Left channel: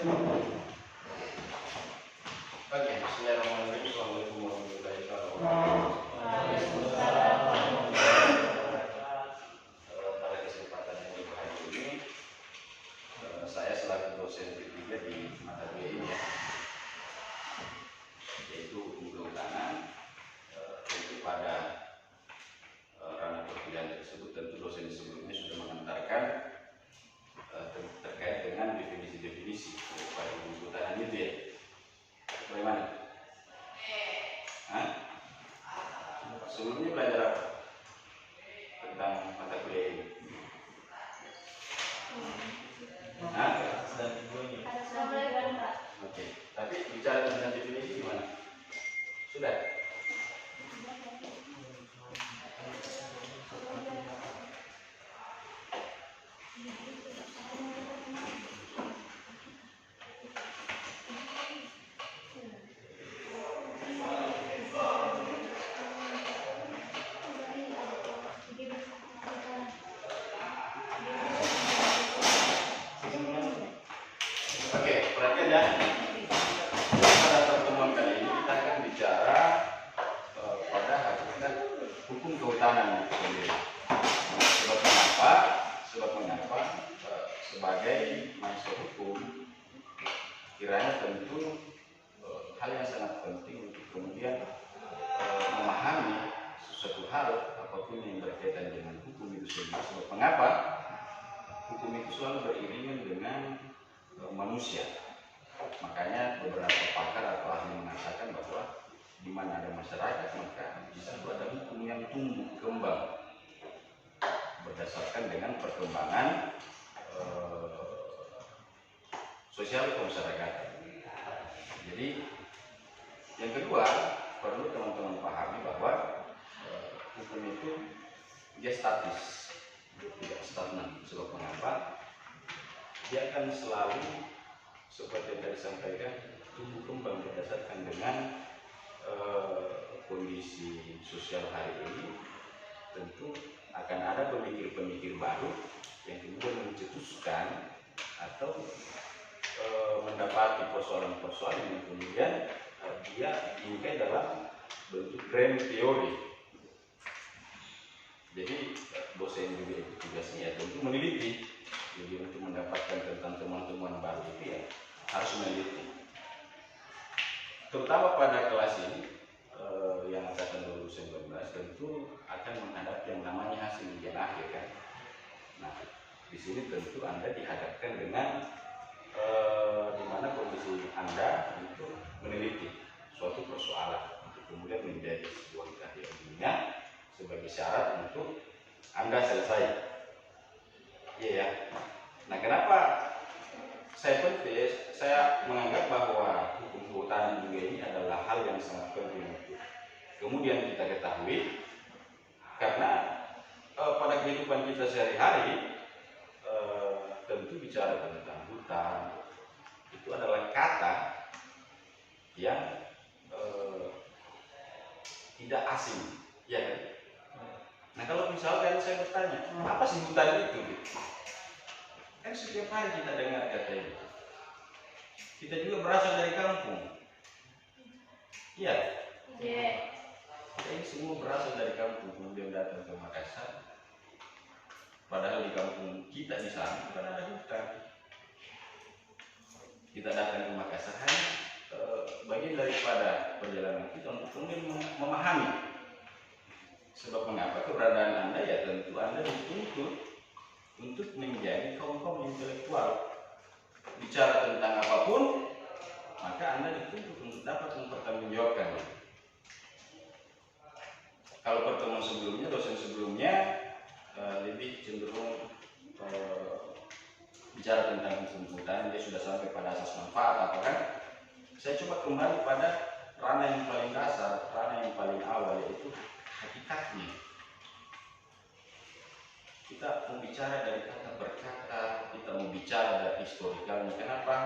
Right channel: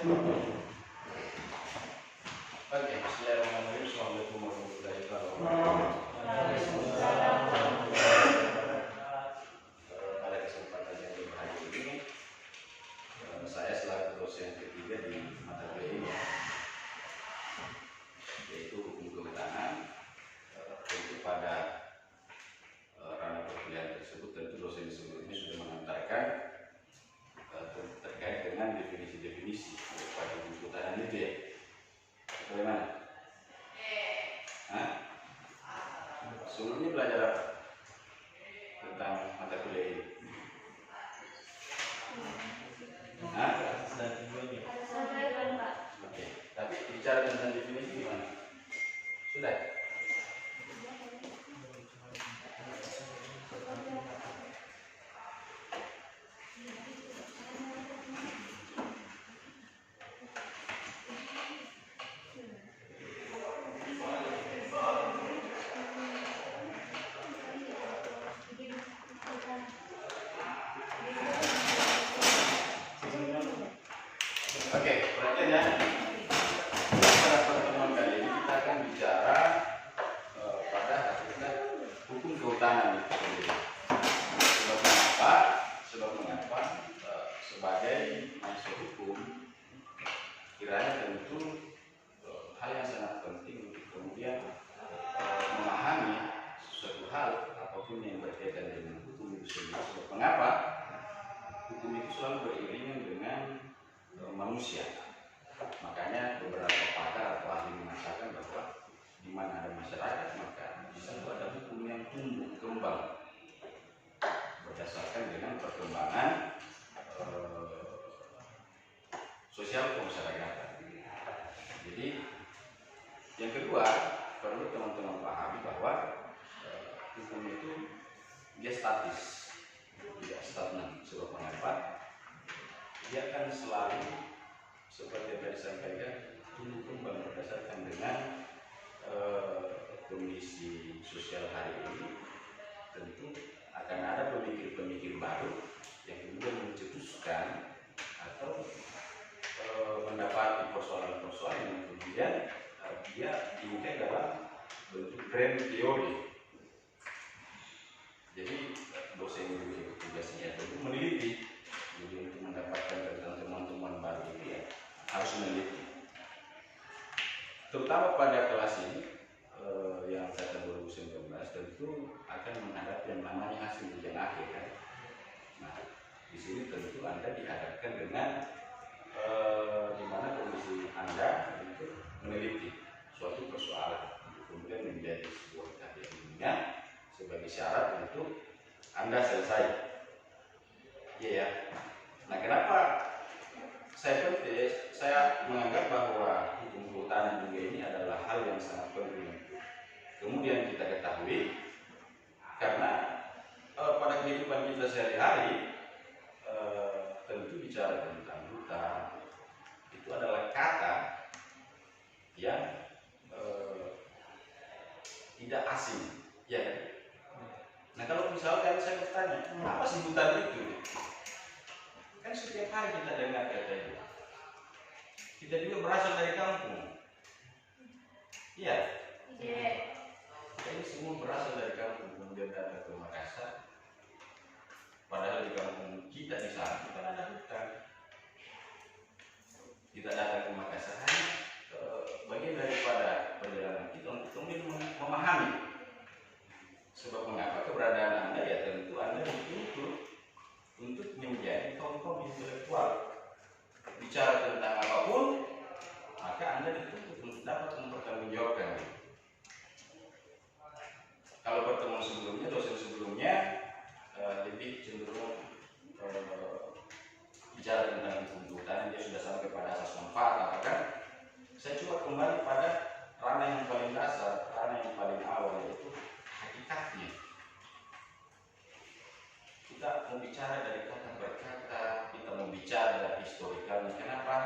Oke, bismillahirrahmanirrahim. Assalamualaikum warahmatullahi wabarakatuh. Pada kesempatan yang berbahagia ini, saya selaku dosen ketiga di mata kuliah ini, yaitu hukum kehutanan. Tentu pada ranah perkuliahan tersebut, tentu dosen sebelumnya sudah mengantarkan terkait dengan definisi-definisi daripada hukum kehutanan itu ya. Bagaimana? Sebelumnya belajar apa tentang mata kuliah ini? Oke, tapi bicara tentang definisi gimana? Sudah? Oke, perhatian ya. Pada pertemuan kali ini kita akan bicara pada hakikat hukum kehutanan itu sendiri. Sebab mengapa sebagai mahasiswa hukum kiranya tentu hal yang sangat penting untuk kemudian memahami sesuatu hal apapun yang berkaitan dengan hukum itu sendiri. Sebab mengapa hukum itu selalu beriringan dengan manusia. Makanya beberapa pakar atau ahli mengatakan bahwa di mana ada masyarakat maka di situ ada hukum yang tumbuh kembang berdasarkan dengan perkembangan sosial kemasyarakatan. Jadi yang kedua perlu teman-teman pahami bahwa hukum itu dia statis, tidak stagnan. Sebab mengapa? Dia akan selalu seperti yang tadi sampaikan tumbuh kembang berdasarkan dengan kondisi sosial hari ini. Tentu akan ada pemikir-pemikir baru yang kemudian mencetuskan atau mendapati persoalan-persoalan yang kemudian dia diungkap dalam bentuk grand teori. Jadi dosen juga itu tugasnya tentu meneliti. Jadi untuk mendapatkan tentang teman-teman baru itu ya harus meneliti. Terutama pada kelas ini yang angkatan 2019 tentu akan menghadapi yang namanya hasil ujian akhir kan. Nah, di sini tentu Anda dihadapkan dengan di mana kondisi Anda untuk meneliti suatu persoalan untuk kemudian menjadi sebuah karya ilmiah sebagai syarat untuk Anda selesai. Iya ya. Nah, kenapa saya menganggap bahwa hukum kehutanan juga ini adalah hal yang sangat penting untuk kemudian kita ketahui, karena pada kehidupan kita sehari-hari tentu bicara tentang hutan itu adalah kata yang tidak asing, ya kan? Nah, kalau misalkan saya bertanya, apa sih hutan itu? Kan setiap hari kita dengar kata itu. Kita juga berasal dari kampung. Iya. Kita ini semua berasal dari kampung, kemudian datang ke Makassar. Padahal di kampung kita di sana bukan ada hutan. Kita datang ke Makassar hanya bagian daripada perjalanan kita untuk kemudian memahami. Sebab mengapa keberadaan Anda ya tentu Anda dituntut untuk menjadi kaum intelektual. Bicara tentang apapun, maka Anda dituntut untuk dapat mempertanggungjawabkan. Kalau pertemuan sebelumnya, dosen sebelumnya lebih cenderung bicara tentang hukum kehutanan, dia sudah sampai pada asas manfaat, apa kan? Saya coba kembali pada ranah yang paling dasar, ranah yang paling awal, yaitu hakikatnya. Kita mau bicara dari kata berkata, kita mau bicara dari historikalnya. Kenapa?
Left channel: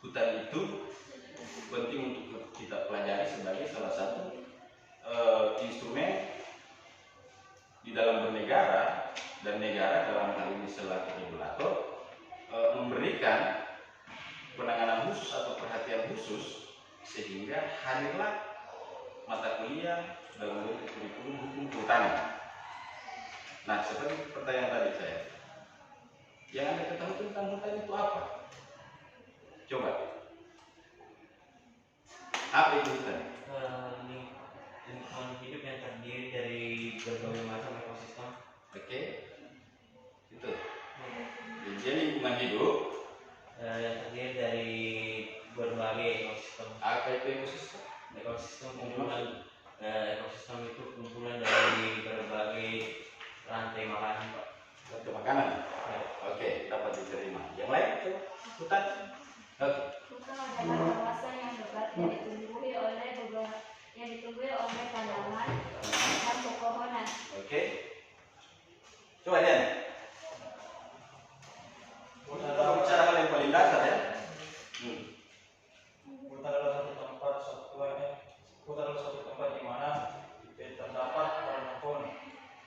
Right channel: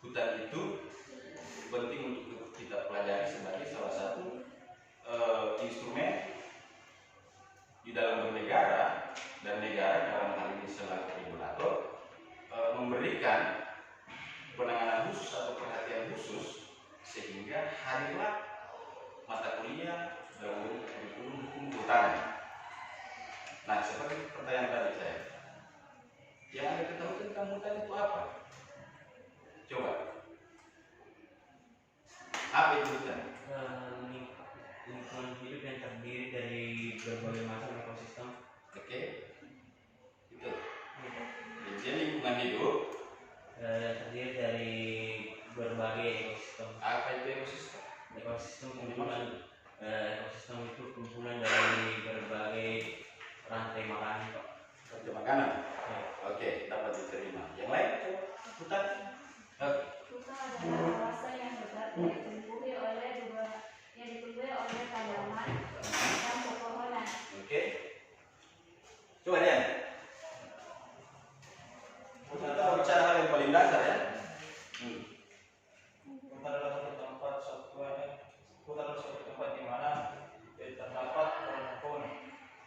Hutan itu penting untuk kita pelajari sebagai salah satu instrumen di dalam bernegara, dan negara dalam hal ini selaku regulator memberikan penanganan khusus atau perhatian khusus, sehingga hadirlah mata kuliah dalam bentuk kurikulum hukum kehutanan. Nah, seperti pertanyaan tadi saya, yang Anda ketahui tentang hutan itu apa? Coba. Apa itu hutan? Lingkungan hidup yang terdiri dari berbagai macam ekosistem. Oke, itu. Jadi lingkungan hidup Yang terdiri dari berbagai ekosistem. Apa itu ekosistem? Ekosistem kumpulan ekosistem itu kumpulan dari berbagai rantai makanan, Pak. Rantai makanan. Ya. Oke, dapat diterima. Yang lain itu hutan. Oke. Hutan adalah kawasan yang lebat yang ditumbuhi oleh tanaman dan pepohonan. Oke. Coba Dian. Kita mau bicara hal yang paling dasar ya. Hutan adalah suatu tempat di mana terdapat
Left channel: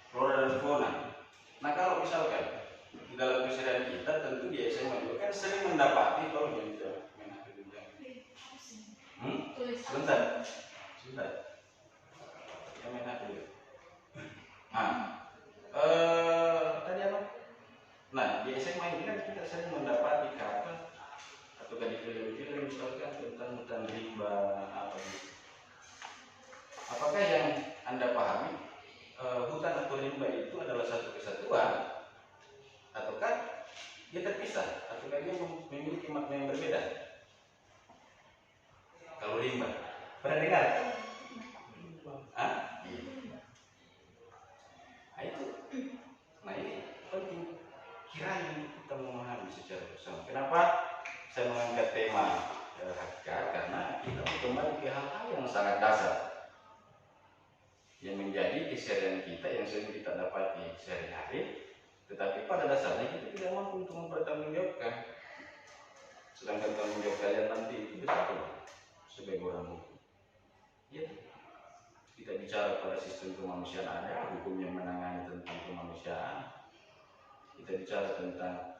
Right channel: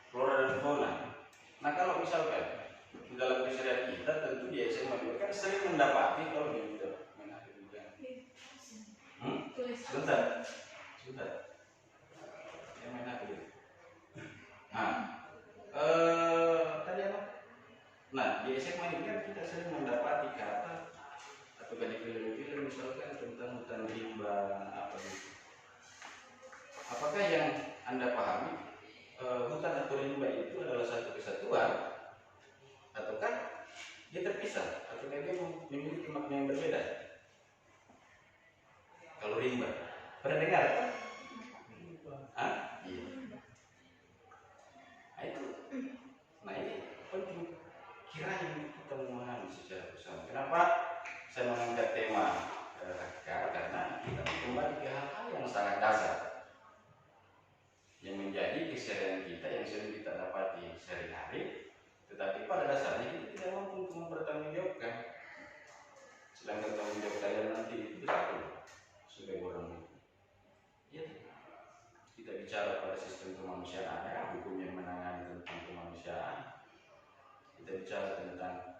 Flora dan fauna. Nah, kalau misalkan di dalam keseharian kita, tentu di SMA juga kan sering mendapati kalau di sebentar. Yang main apa dulu? Nah, tadi apa? Nah, di SMA ini kan kita sering mendapati kata atau di film-film misalkan tentang hutan rimba apa gitu. Apakah yang Anda pahami hutan atau rimba itu adalah satu kesatuan, ataukah dia terpisah, ataukah dia memiliki makna yang berbeda? Kalau rimba, pernah dengar? Ah, iya. Nah itu, nah ini penting kiranya kita memahami secara bersama. Kenapa saya mengangkat tema hakikat? Karena kita kembali ke hal-hal yang sangat dasar yang menjadi keseharian kita yang sering kita dapati sehari-hari, tetapi pada dasarnya kita tidak mampu untuk mempertanggungjawabkan. Sedangkan tanggung jawab kalian nanti itu besar loh sebagai orang hukum. Ya, kita bicara pada sistem kemanusiaan ada hukum yang menangani tentang kemanusiaan. Kita bicara tentang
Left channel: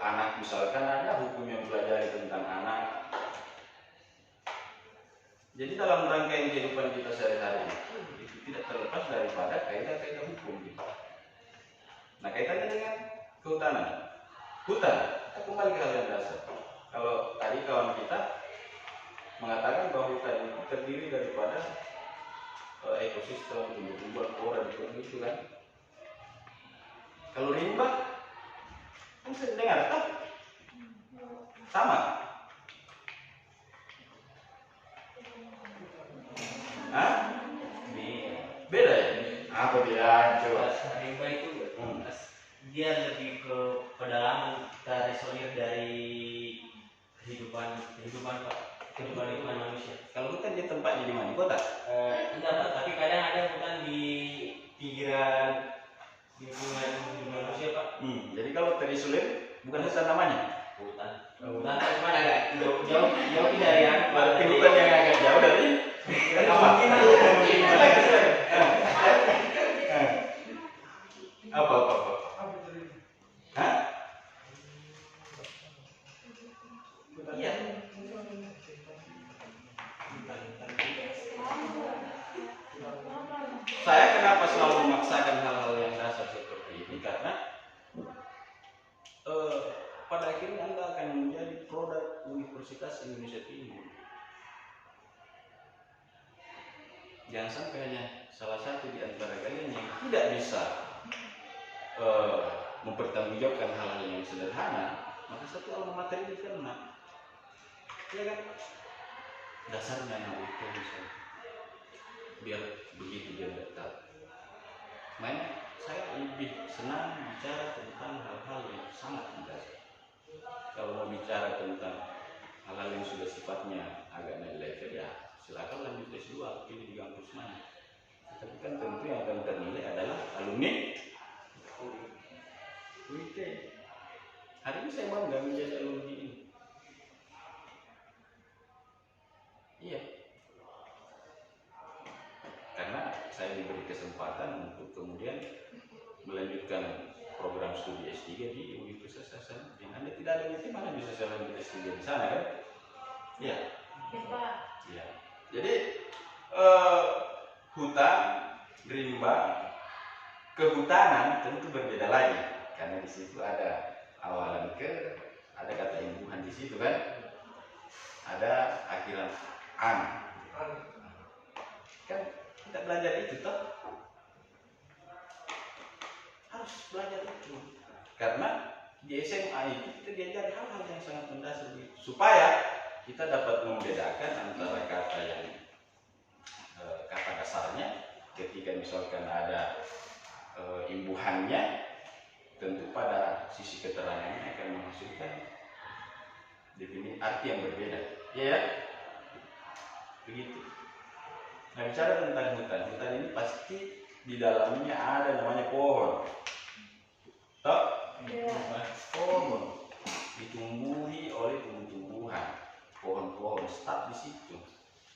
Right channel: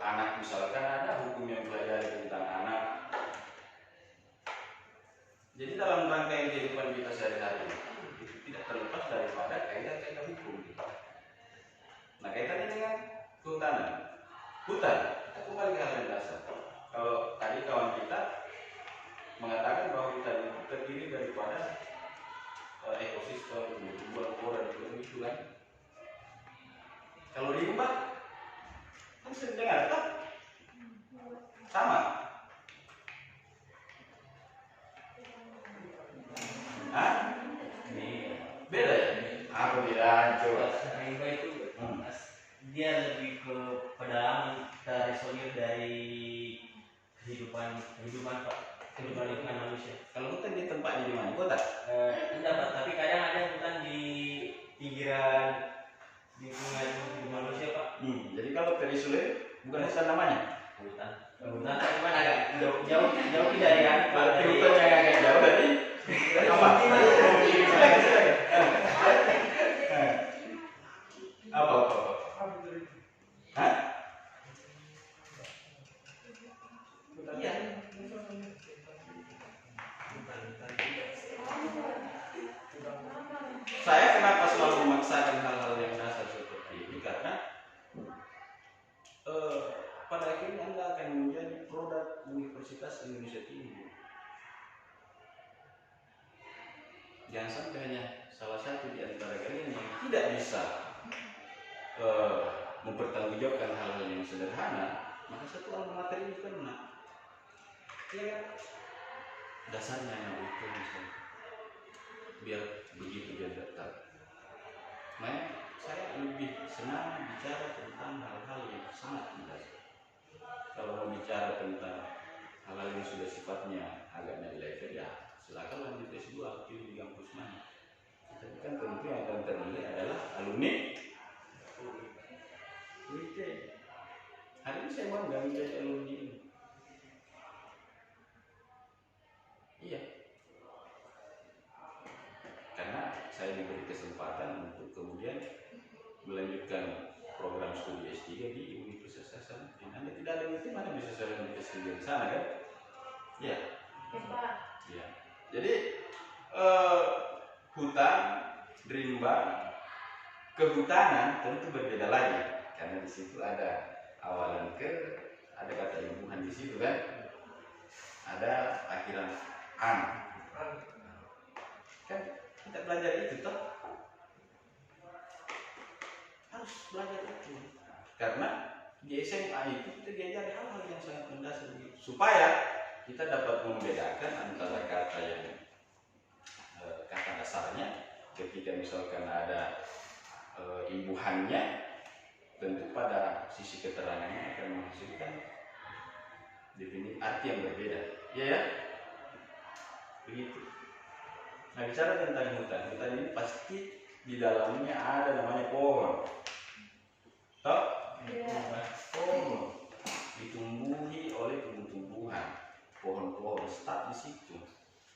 anak misalkan ada hukum yang pelajari tentang anak. Jadi dalam rangkaian kehidupan kita sehari-hari itu tidak terlepas daripada kaidah-kaidah hukum gitu. Nah, kaitannya dengan kehutanan. Hutan, kita kembali ke hal yang dasar. Kalau tadi kawan kita mengatakan bahwa hutan itu terdiri daripada ekosistem, tumbuh-tumbuhan, flora dan itu kan. Kalau rimba, kan sering dengar tak? Sama. Hah? Beda ya? Apa beda? Coba. Rimba itu dia lebih ke pedalaman, terisolir dari kehidupan lingkungan manusia. Kalau hutan dia tempatnya di mana? Kota? Enggak, Pak, tapi kadang ada hutan di pinggiran lingkungan hidup manusia, Pak. Jadi kalau terisolir bukan hutan namanya? Hutan cuma agak jauh dari Berarti hutan yang agak jauh dari apa? Apa? Hah? Iya. Saya kenapa selalu memaksakan hal-hal yang dasar seperti ini karena pada akhirnya Anda akan menjadi produk Universitas Indonesia Timur. Jangan sampai hanya salah satu di antara kalian yang tidak bisa mempertanggungjawabkan hal-hal yang sederhana, maka satu alma mater ini kena. Ya kan? Dasarnya anak itu misalnya. Biar begitu dia tidak tahu. Makanya saya lebih senang bicara tentang hal-hal yang sangat mendasar. Kalau mau bicara tentang hal-hal yang sudah sifatnya agak naik level ya silakan lanjut S2 pilih di kampus mana. Tapi kan tentu yang akan ternilai adalah alumni UIT. Hari ini saya bangga menjadi alumni ini. Iya. Karena saya diberi kesempatan untuk kemudian melanjutkan program studi S3 di Universitas Hasanuddin. Anda tidak ada UIT, mana bisa saya lanjut S3 di sana kan? Iya. Ya, Pak. Ya. Jadi hutan, rimba, kehutanan tentu berbeda lagi karena di situ ada awalan ada kata imbuhan di situ kan, ada akhiran an. Kan kita belajar itu toh, harus belajar itu karena di SMA itu kita diajari hal-hal yang sangat mendasar supaya kita dapat membedakan antara kata yang kata dasarnya ketika misalkan ada imbuhannya, tentu pada sisi keterangannya akan menghasilkan definisi arti yang berbeda, ya. Begitu. Nah, bicara tentang hutan ini pasti di dalamnya ada namanya pohon. Toh? Pohon ditumbuhi oleh tumbuh-tumbuhan, pohon-pohon staf di situ.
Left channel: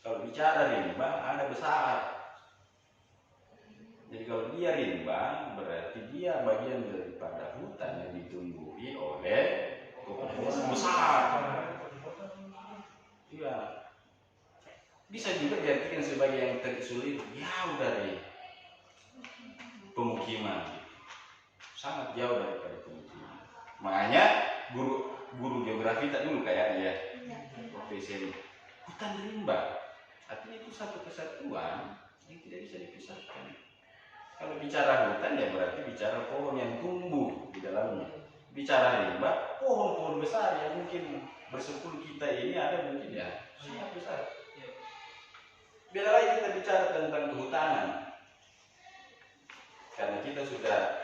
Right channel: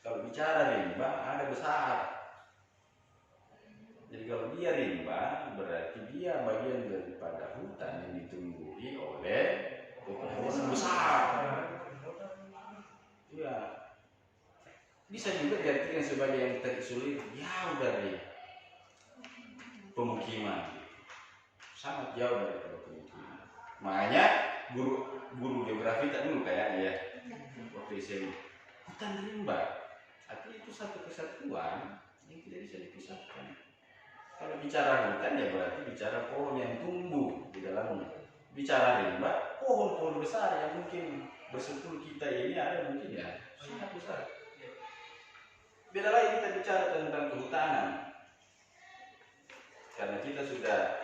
Kalau bicara rimba ada besar. Jadi kalau dia rimba berarti dia bagian daripada hutan yang ditumbuhi oleh pohon besar. Iya. Bisa juga diartikan sebagai yang terisolir jauh dari pemukiman, sangat jauh daripada pemukiman. Makanya guru geografi tak dulu kayaknya ya, waktu SMA, hutan rimba artinya itu satu kesatuan yang tidak bisa dipisahkan. Kalau bicara hutan ya berarti bicara pohon yang tumbuh di dalamnya. Bicara rimba, pohon-pohon besar yang mungkin bersepuluh kita ini ada mungkin ya sangat besar. Beda lagi kita bicara tentang kehutanan, karena kita sudah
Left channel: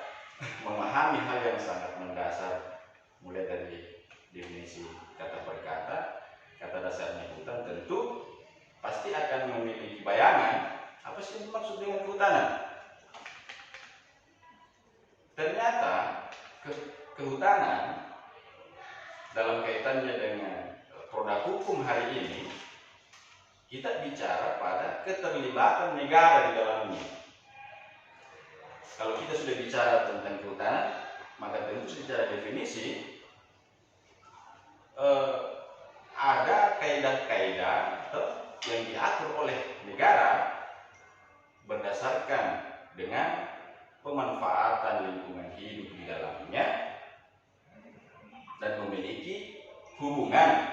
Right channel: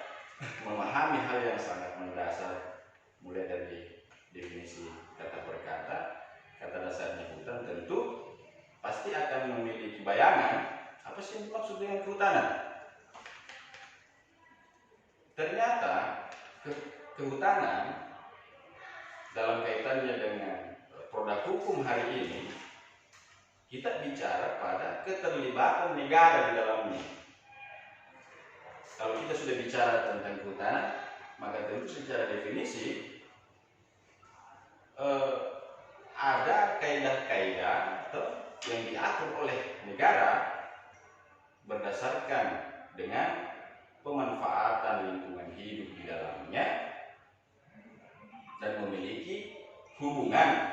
memahami hal yang sangat mendasar, mulai dari definisi kata per kata dasarnya hutan, tentu pasti akan memiliki bayangan apa sih yang dimaksud dengan kehutanan. Ternyata kehutanan dalam kaitannya dengan produk hukum hari ini, kita bicara pada keterlibatan negara di dalamnya. Kalau kita sudah bicara tentang kehutanan, maka tentu secara definisi ada kaidah-kaidah yang diatur oleh negara berdasarkan dengan pemanfaatan lingkungan hidup di dalamnya dan memiliki hubungan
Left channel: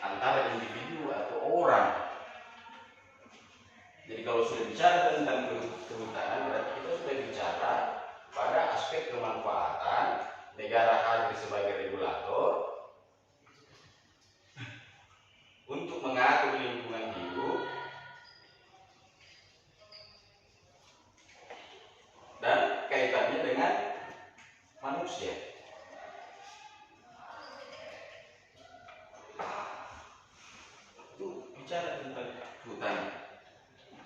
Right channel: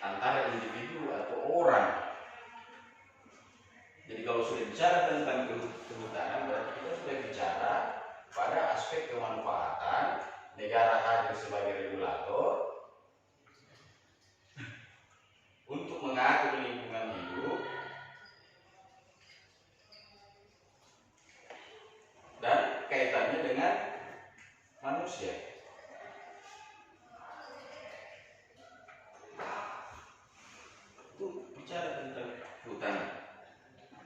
antara individu atau orang. Jadi kalau sudah bicara tentang kehutanan berarti kita sudah bicara pada aspek kemanfaatan, negara hadir sebagai regulator untuk mengatur lingkungan hidup dan kaitannya dengan manusia. Itu bicara tentang hutan,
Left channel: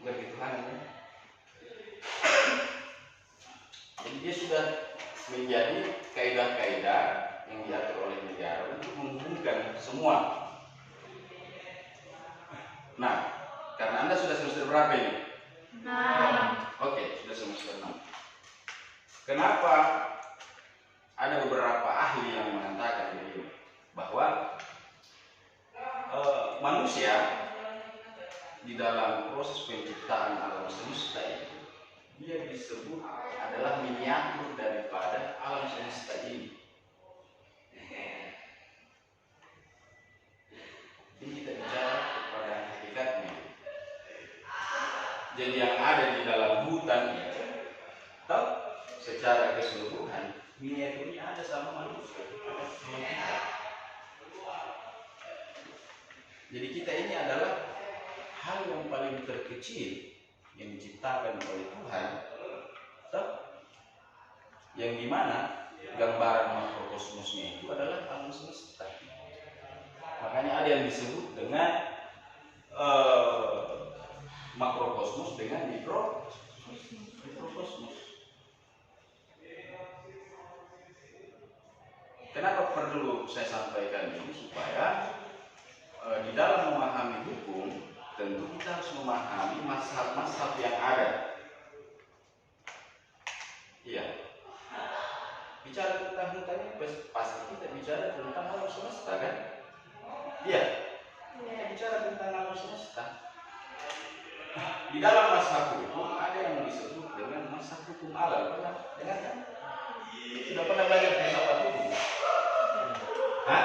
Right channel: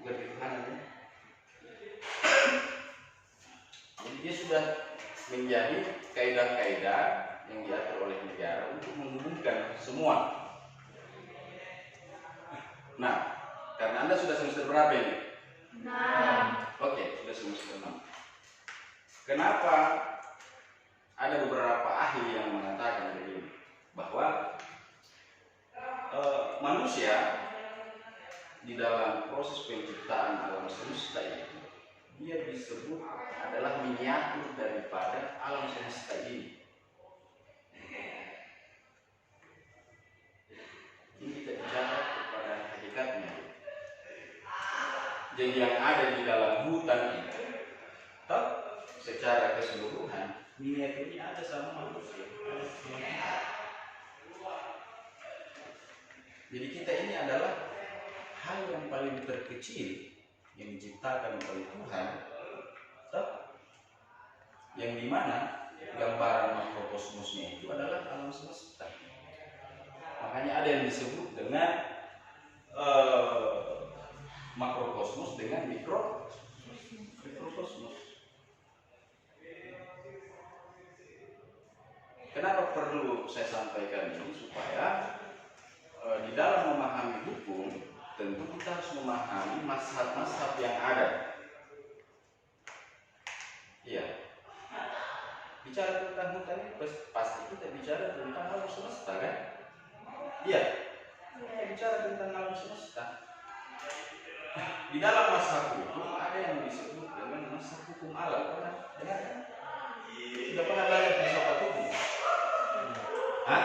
bukan kehutanan. Jadi dia sudah menjadi kaidah-kaidah yang diatur oleh negara untuk menghubungkan semua. Nah, karena Anda sudah semester berapa ini? 6. Oke, sudah semester 6. Kenapa ada beberapa ahli yang mengatakan begini, bahwa manusia di dalam proses penciptaan alam semesta itu dia disebut adalah miniatur daripada alam semesta ini. Ini kita bicara kepada hakikatnya. Jadi yang ada di dalam hutan itu, secara keseluruhan miniaturnya ada sama manusia, ada sama kita. Jadi kita ini adalah hal yang paling terkecil yang diciptakan oleh Tuhan, yang dimana gambaran makrokosmosnya itu adalah alam semesta. Makanya ada yang disebut dengan makrokosmos dengan mikrokosmos. Kenapa perlu saya sampaikan ini? Supaya di dalam memahami hukum tentu kita harus memahami mazhab-mazhab yang ada. Iya. Bicara tentang hutan ini pasti kita bicara tentang alam semesta kan? di dalam mazhab hukum ada yang disebut dengan mazhab hukum alam. Pernah dengar kan? Sudah pernah belajar filsafat hukum? Hah?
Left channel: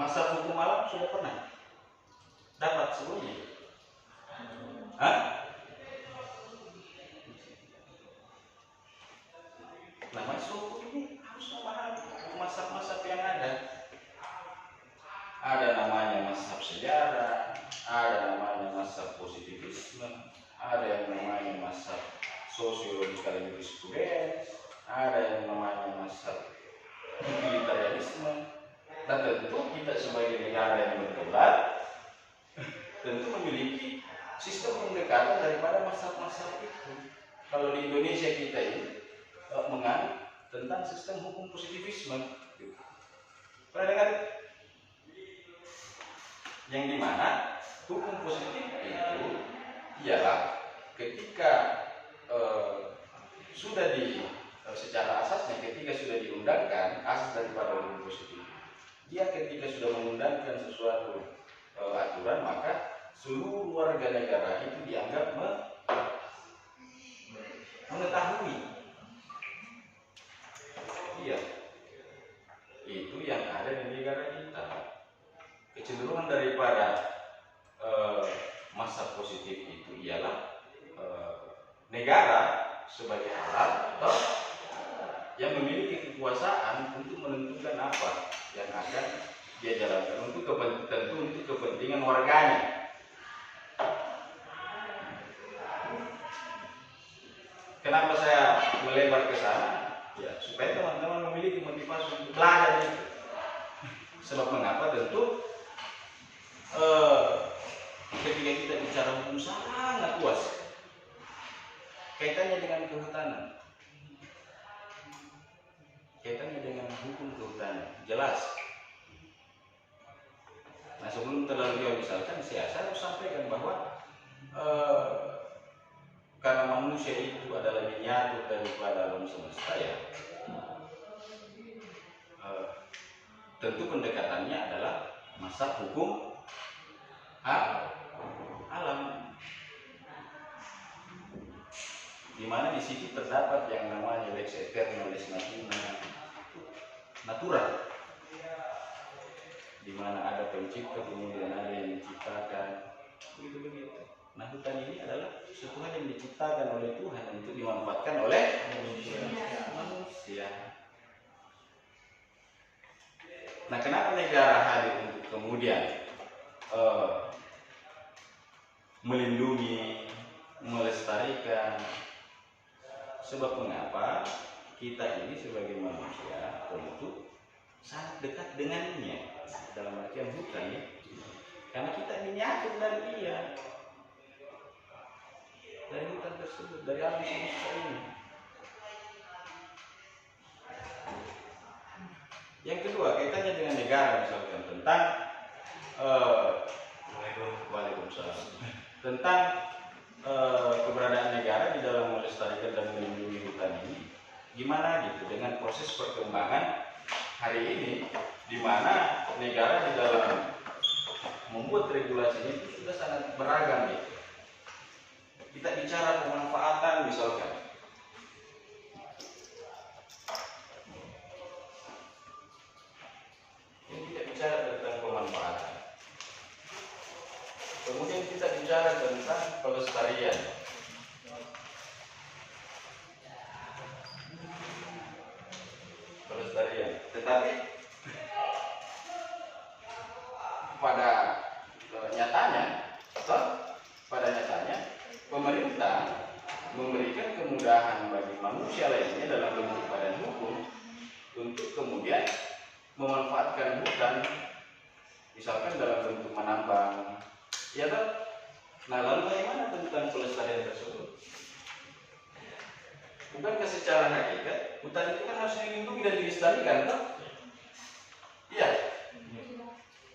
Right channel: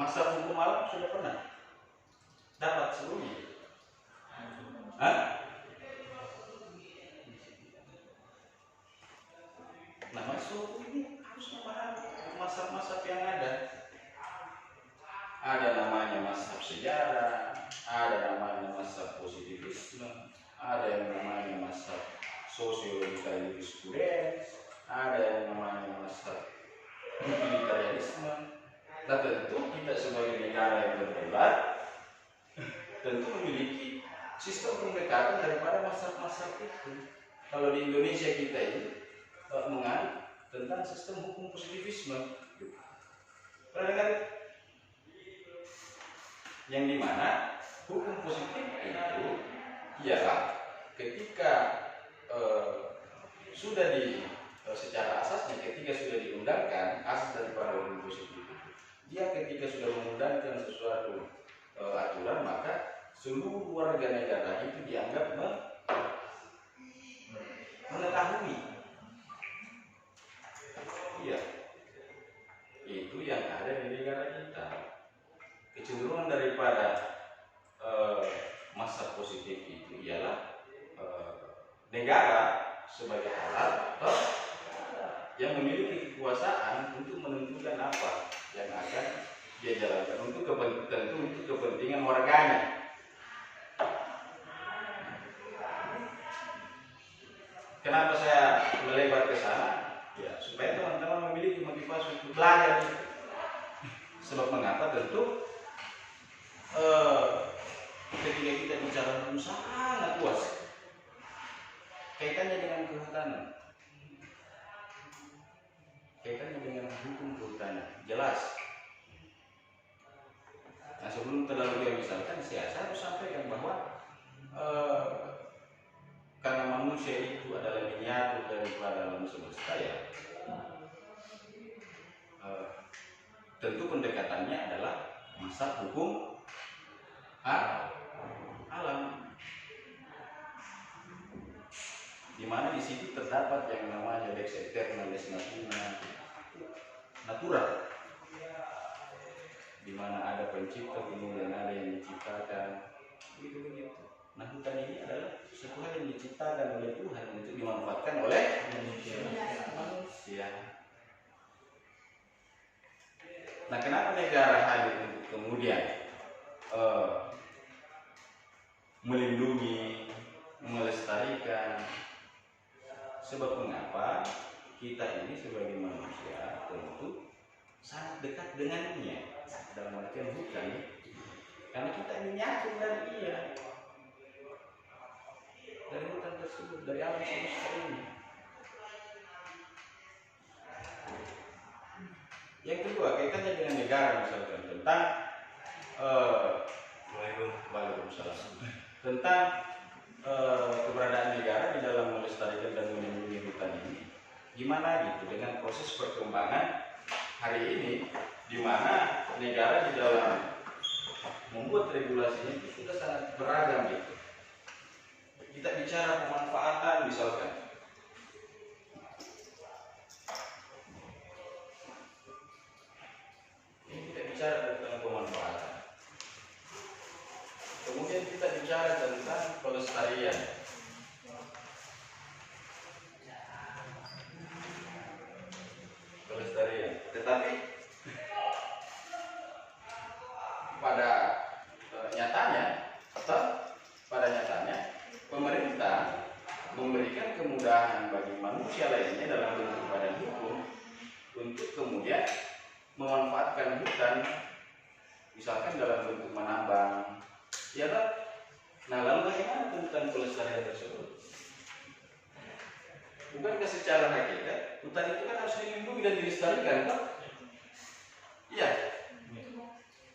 Mazhab hukum alam sudah pernah dapat sebelumnya? Hah? Nah, mazhab hukum ini harus memahami mazhab-mazhab yang ada. Ada namanya mazhab sejarah, ada namanya mazhab positivisme, ada yang namanya mazhab sosiologikal jurisprudence, ada yang namanya mazhab utilitarianisme. Dan tentu kita sebagai negara yang berkembang tentu memiliki sistem pendekatan daripada mazhab-mazhab itu. Kalau di Indonesia kita ini menganut tentang sistem hukum positivisme. Pernah dengar? Yang dimana hukum positif itu ialah ketika sudah secara asasnya ketika sudah diundangkan asas daripada hukum positif, dia ketika sudah mengundangkan sesuatu aturan, maka seluruh warga negara itu dianggap mengetahui. Iya, itu yang ada di negara kita. Kecenderungan daripada masa positif itu ialah negara sebagai alat atau yang memiliki kekuasaan untuk menentukan apa yang akan dia jalankan untuk kepentingan warganya. Kenapa saya melebar ke sana? Ya, supaya teman-teman memiliki motivasi untuk belajar itu. Sebab mengapa? Tentu ketika kita bicara hukum sangat luas kaitannya dengan kehutanan, kaitannya dengan hukum kehutanan jelas. Nah, sebelum terlalu jauh misalkan saya harus sampaikan bahwa karena manusia itu adalah miniatur daripada alam semesta, ya tentu pendekatannya adalah mazhab hukum alam, di mana di situ terdapat yang namanya lex eterna, lex natura, di mana ada pencipta kemudian ada yang diciptakan, begitu. Nah, hutan ini adalah sesuatu hal yang diciptakan oleh Tuhan untuk dimanfaatkan oleh manusia. Nah, kenapa negara hadir untuk kemudian melindungi, melestarikan? Sebab mengapa kita ini sebagai manusia tentu sangat dekat dengannya dalam artian hutan ya, karena kita miniatur dari dia, dari hutan tersebut, dari alam semesta ini. Yang kedua, kaitannya dengan negara, misalkan tentang Waalaikumsalam, tentang keberadaan negara di dalam melestarikan dan melindungi hutan ini. Gimana gitu dengan proses perkembangan hari ini, di mana negara di dalam membuat regulasinya itu sudah sangat beragam gitu. Kita bicara pemanfaatan misalkan, ini kita bicara tentang pemanfaatan. Kemudian kita bicara tentang pelestarian. Tetapi pada nyatanya pemerintah memberikan kemudahan bagi manusia lainnya dalam bentuk badan hukum untuk kemudian memanfaatkan hutan, misalkan dalam bentuk menambang, ya kan? Nah, lalu bagaimana tentang pelestarian tersebut? Bukankah secara hakikat hutan itu kan harus dilindungi dan dilestarikan, kan? Iya.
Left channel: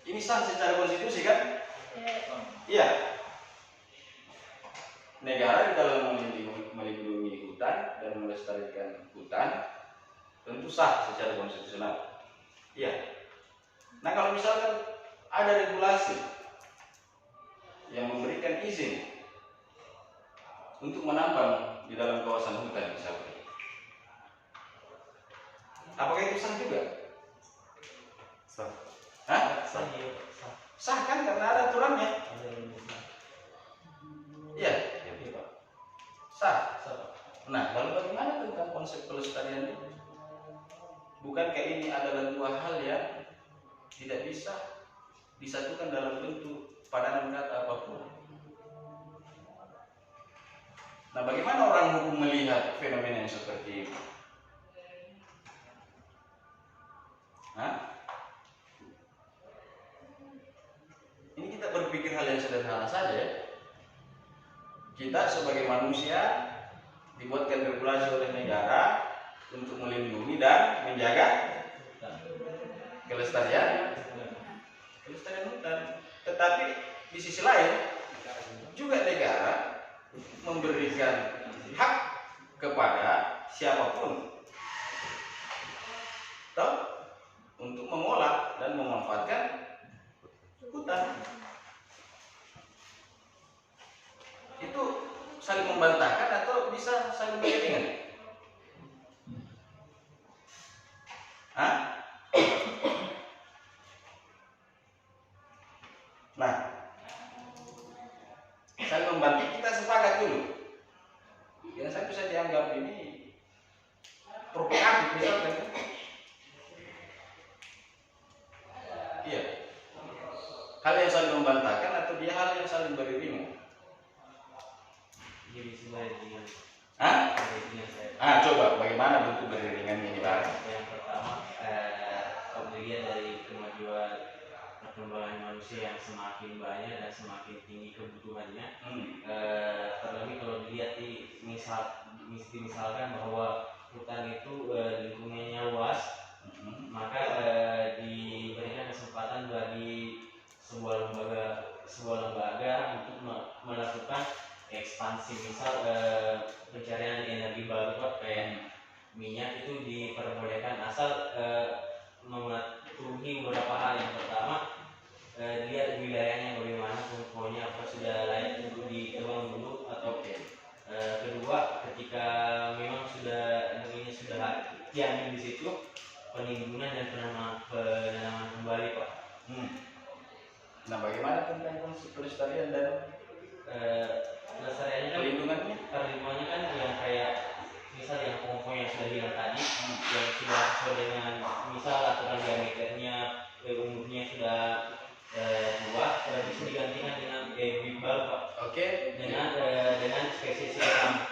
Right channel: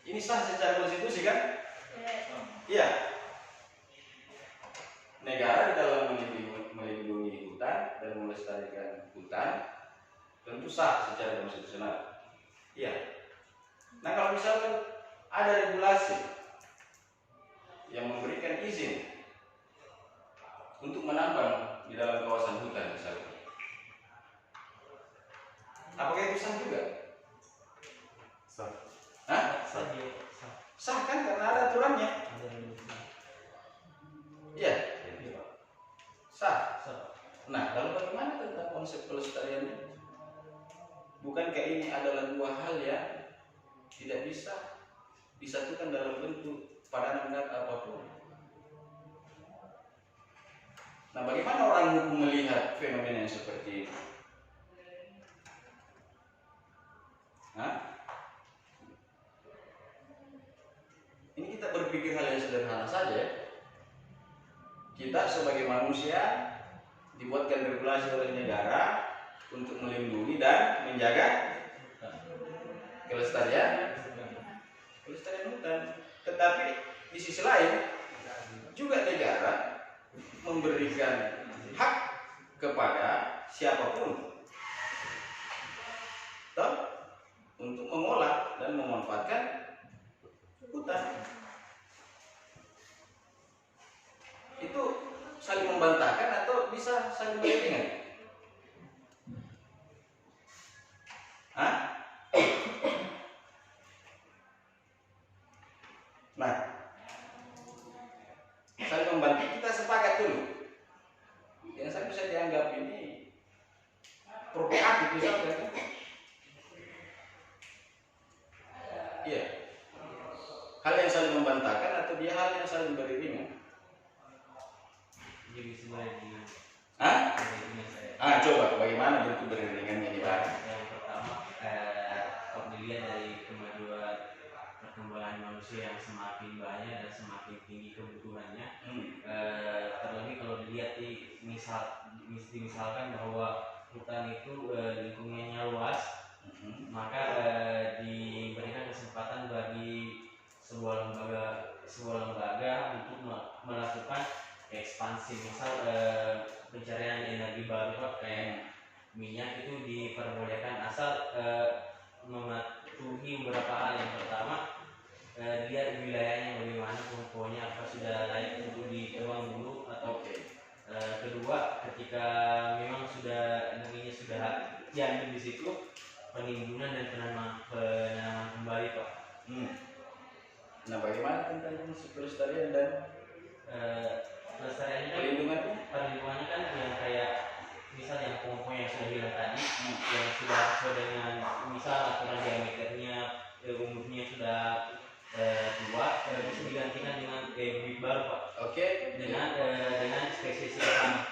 Ini sah secara konstitusi kan? Iya. Negara di dalam melindungi hutan dan melestarikan hutan tentu sah secara konstitusional. Iya. Nah, kalau misalkan ada regulasi yang memberikan izin untuk menambang di dalam kawasan hutan misalnya. Apakah itu sah juga? Sah. Hah? Saja. Sah kan karena ada aturannya. Iya, sah. Nah, lalu bagaimana tentang konsep pelestariannya? Bukankah ini adalah dua hal yang tidak bisa disatukan dalam bentuk padanan kata apapun? Nah, bagaimana orang hukum melihat fenomena yang seperti ini? Hah? Ini kita berpikir hal yang sederhana saja ya. Kita sebagai manusia dibuatkan regulasi oleh negara untuk melindungi dan menjaga kelestarian hutan. Tetapi di sisi lain juga negara memberikan hak kepada siapapun untuk mengolah dan memanfaatkan hutan. Itu saling membantahkan atau bisa saling beriringan? Hah? Nah, saling membantu, kita sepakat dulu. Yang saya bisa dianggap ini provokatif misalkan. Iya. Hal yang saling membantahkan atau dia hal yang saling beriringan? Jadi sebenarnya Hah? Coba bagaimana bentuk beriringannya ini, Pak? yang pertama, kalau dilihat dari kemajuan perkembangan manusia yang semakin banyak dan semakin tinggi kebutuhannya, terlebih kalau dilihat misalkan bahwa hutan itu lingkungannya luas, maka diberikan kesempatan bagi sebuah lembaga untuk melakukan ekspansi, misal pencarian energi baru kayak minyak itu diperbolehkan asal mematuhi beberapa hal. Yang pertama, lihat wilayahnya bagaimana, pokoknya apa sudah layak untuk ditebang dulu, atau kedua, ketika memang sudah energinya sudah yang di situ, penimbunan dan penanaman kembali, Pak. Nah, bagaimana tentang konsep pelestarian dan pelestariannya kan, perlindungannya kan yang kayak misal yang pohon-pohon yang sudah hilang tadi, yang sudah sesuai dengan misal aturan diameternya, umurnya sudah tua, bisa digantikan dengan bibit baru, Pak. Oke. Dengan spesies yang sama.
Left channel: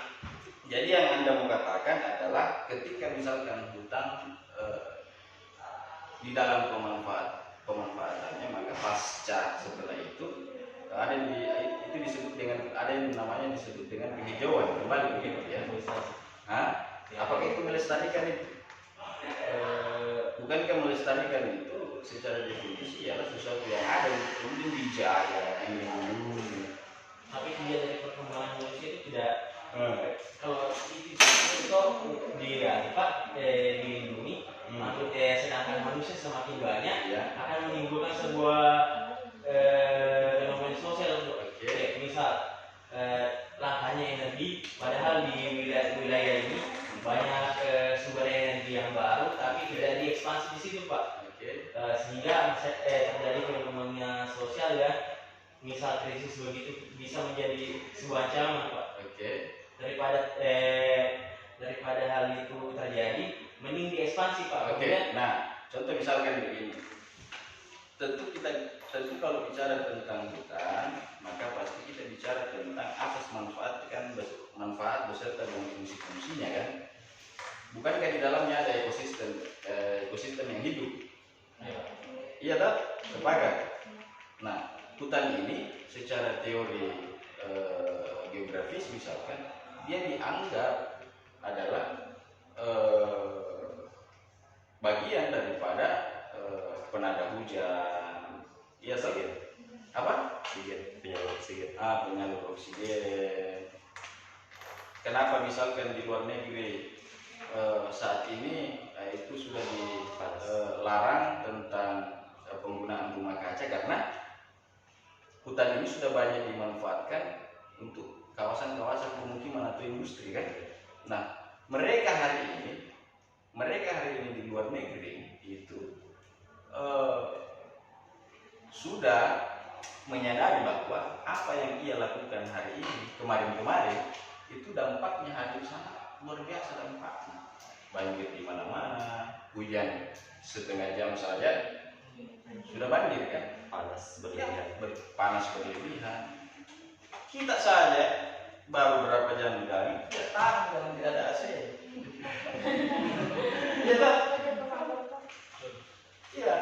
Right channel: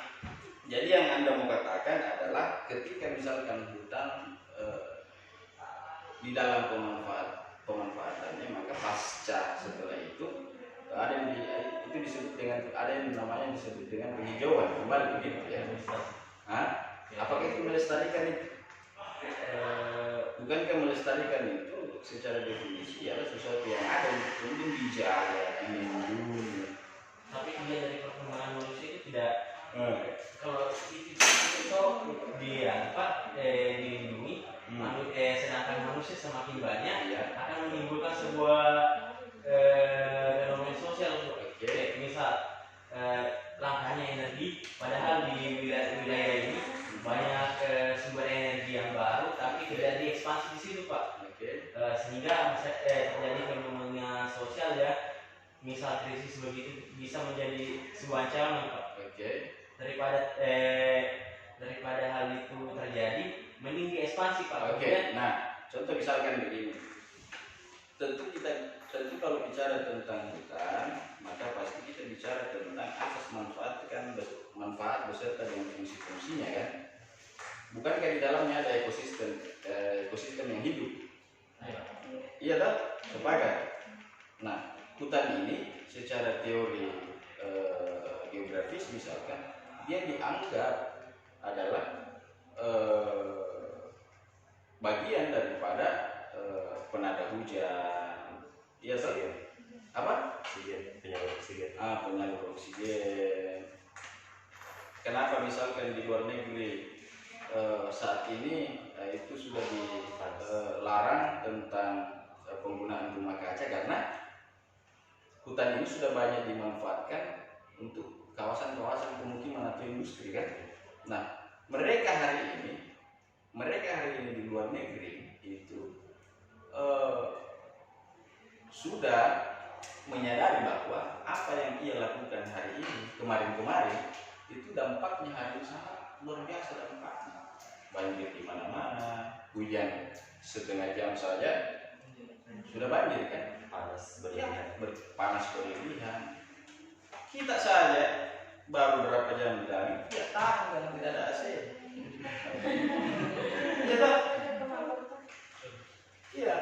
Jadi yang Anda mau katakan adalah ketika misalkan hutan di dalam pemanfaatannya, maka pasca setelah itu itu disebut dengan, ada yang namanya disebut dengan penghijauan kembali begitu ya. Apakah itu melestarikan itu? Bukankah melestarikan itu secara definisi adalah sesuatu yang ada kemudian dijaga, dilindungi. Tapi dilihat dari perkembangan manusia itu tidak, kalau itu dilindungi, sedangkan manusia semakin banyak, akan menimbulkan sebuah fenomena sosial. Misal langkahnya energi, padahal di wilayah ini banyak sumber energi yang baru, tapi tidak diekspansi di situ, Pak. Sehingga terjadi fenomena sosial ya, misal krisis begitu bisa menjadi sebuah ancaman, Pak. Daripada hal itu terjadi, mending diekspansi, Pak. Nah, contoh misalkan begini. Tentu kalau bicara tentang hutan, maka pasti kita bicara tentang asas manfaat beserta dengan fungsi-fungsinya kan. Bukankah di dalamnya ada ekosistem yang hidup? Iya tak? Sepakat. Nah, hutan ini secara teori geografis misalkan, dia dianggap adalah bagian daripada penada hujan. Iya tak? Apa? Penyalur oksigen. Penyalur oksigen. Kenapa misalkan di luar negeri saat ini itu sudah dilarang tentang penggunaan rumah kaca, karena hutan ini sudah banyak dimanfaatkan untuk kawasan-kawasan pemukiman atau industri kan. Nah, mereka hari ini di luar negeri itu sudah menyadari bahwa apa yang ia lakukan hari ini, kemarin-kemarin itu dampaknya hadir sangat luar biasa dampaknya. Banjir di mana-mana, hujan setengah jam saja sudah banjir kan. Panas berlebihan. Kita saja baru berapa jam di dalam tidak tahan kalau tidak ada AC. Iya.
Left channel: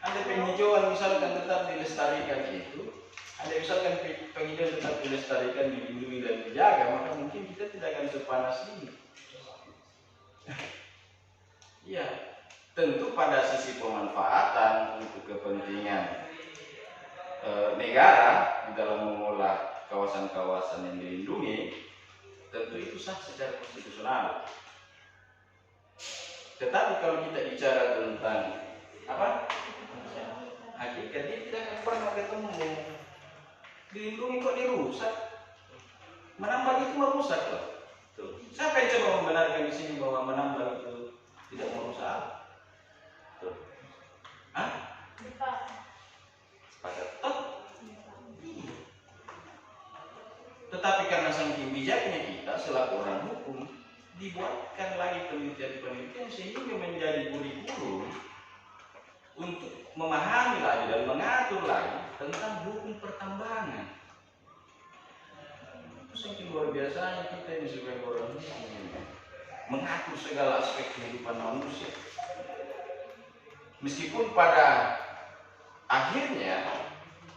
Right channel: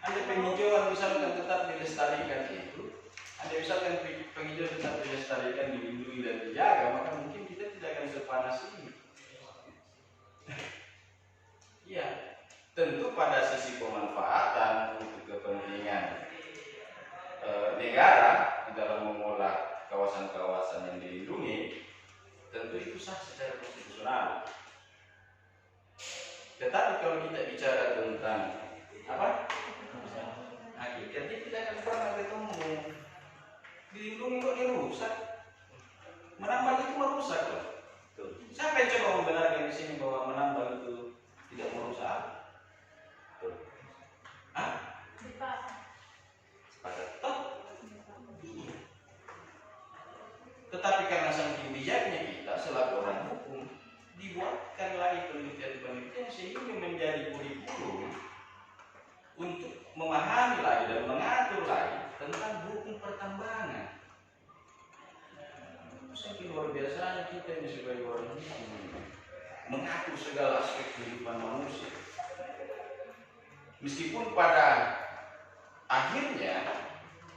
Ada penghijauan misalkan tetap dilestarikan itu, ada misalkan penghijauan tetap dilestarikan, dilindungi dan dijaga, maka mungkin kita tidak akan sepanas ini. Iya. Tentu pada sisi pemanfaatan untuk kepentingan negara di dalam mengolah kawasan-kawasan yang dilindungi, tentu itu sah secara konstitusional. Tetapi kalau kita bicara tentang apa? Hakikatnya kita akan pernah ketemu dilindungi kok dirusak. Menambang itu merusak loh. Siapa yang coba membenarkan di sini bahwa menambang itu tidak merusak? Tetapi karena saking bijaknya kita selaku orang hukum, dibuatkan lagi penelitian-penelitian sehingga menjadi kurikulum untuk memahami lagi dan mengatur lagi tentang hukum pertambangan. Itu saking luar biasanya kita ini sebagai orang hukum mengatur segala aspek kehidupan manusia. Meskipun pada akhirnya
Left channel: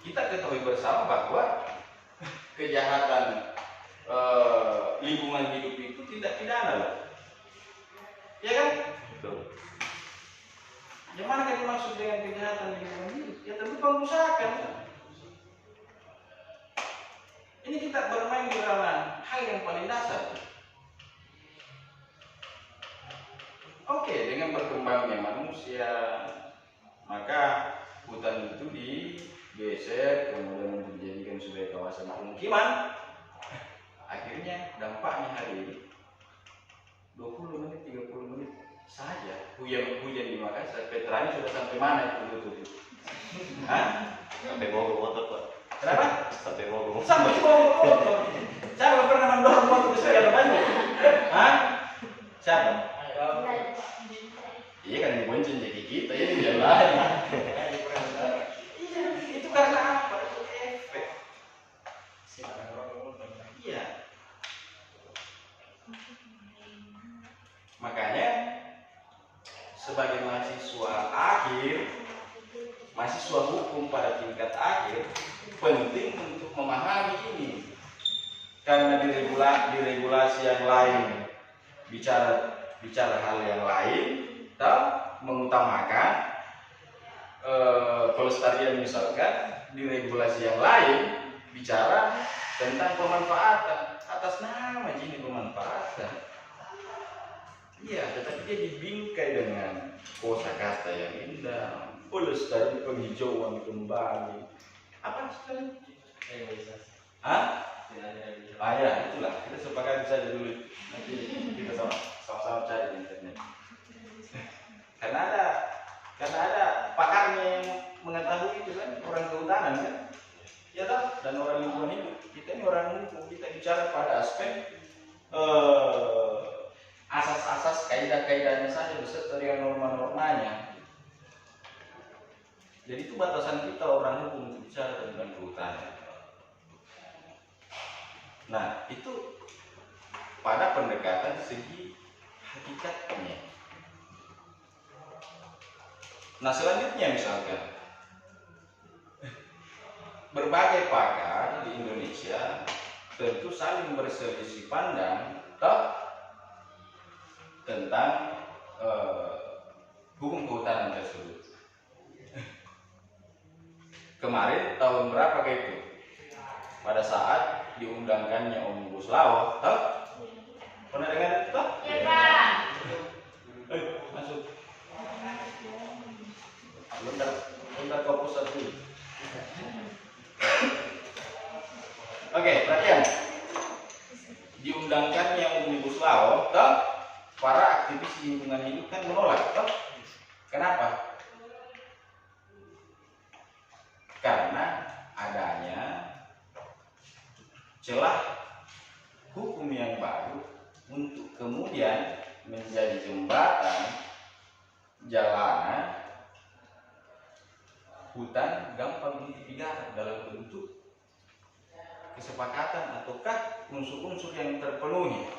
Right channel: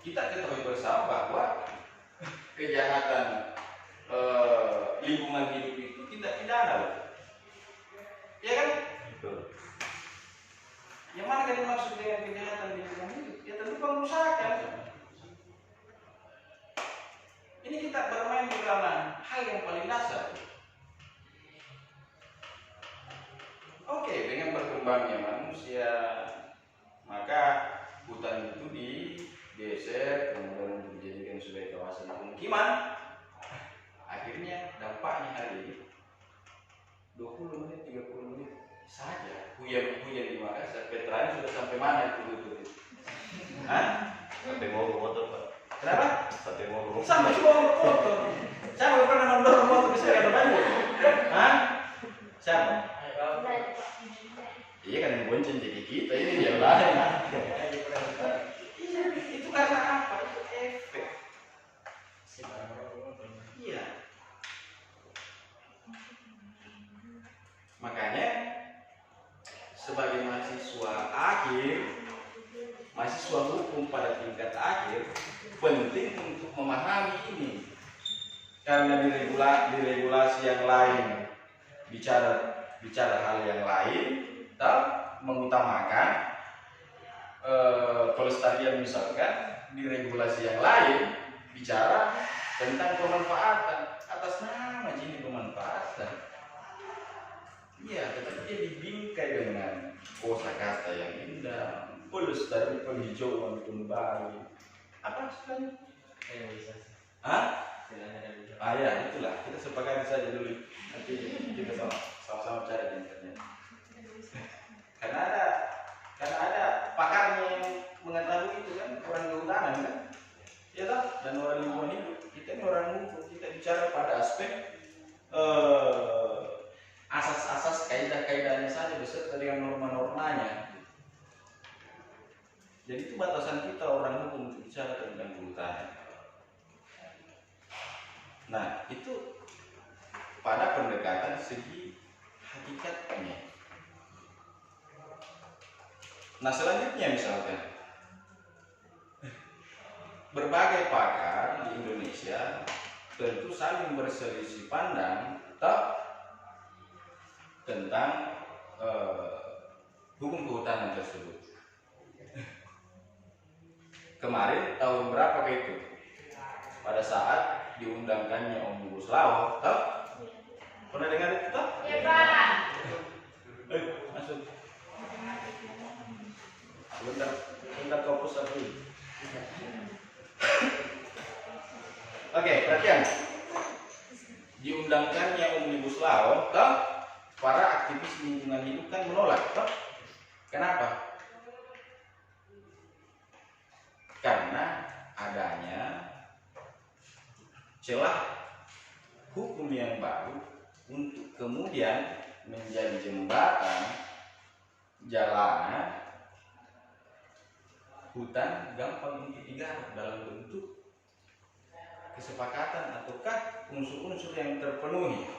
kita ketahui bersama bahwa kejahatan lingkungan hidup itu tindak pidana loh. Ya kan? Betul. Yang mana kan dimaksud dengan kejahatan lingkungan hidup? Ya tentu pengusahakan. Ini kita bermain di ranah hal yang paling dasar. Oke, dengan berkembangnya manusia, maka hutan itu digeser, kemudian dijadikan sebagai kawasan pemukiman. Akhirnya dampaknya hari ini 20 menit, 30 menit saja hujan di Makassar. Petranya sudah sampai mana itu? Hah? Sampai mau motor Pak. Kenapa? Sampai mau motor. Saya belum pernah mendorong motor ke saya banyak. Hah? Siapa? Iya kan dibonceng jadi kita ini dia lain. Itu karena apa? Itu efek. Iya. Makanya sebagai mahasiswa hukum pada tingkat akhir penting untuk memahami ini. Karena di regulasi yang lain bicara hal yang lain, mengutamakan pelestarian misalkan, di regulasi yang lain bicara tentang pemanfaatan atas nama ini pemanfaatan. Iya, tetapi dia dibingkai dengan kosakata yang indah, pelestari penghijauan kembali. Apa istilahnya? Hah? Ya, itulah. Kita sepakati saja dulu. Nanti kita sama-sama cari di internet. Karena ada pakarnya yang mengetahui itu kan, orang kehutanan kan. Ya tak? Dan orang lingkungan hidup. Kita ini orang hukum, kita bicara pada aspek asas-asas kaidah-kaidahnya saja beserta dengan norma-normanya. Jadi itu batasan kita orang hukum untuk bicara tentang kehutanan. Nah, itu pada pendekatan segi hakikatnya. Nah, selanjutnya misalkan berbagai pakar di Indonesia tentu saling berselisih pandang tentang hukum kehutanan tersebut. Kemarin tahun berapa itu? Pada saat diundangkannya Omnibus Law, pernah dengar itu? Iya, Pak. Masuk. Bentar fokus dulu. Oke, perhatian. Diundangkannya Omnibus Law, toh para aktivis lingkungan hidup kan menolak, toh. Kenapa? Karena adanya celah hukum yang baru untuk kemudian menjadi jembatan jalanan hutan gampang untuk digarap dalam bentuk kesepakatan ataukah unsur-unsur yang terpenuhi.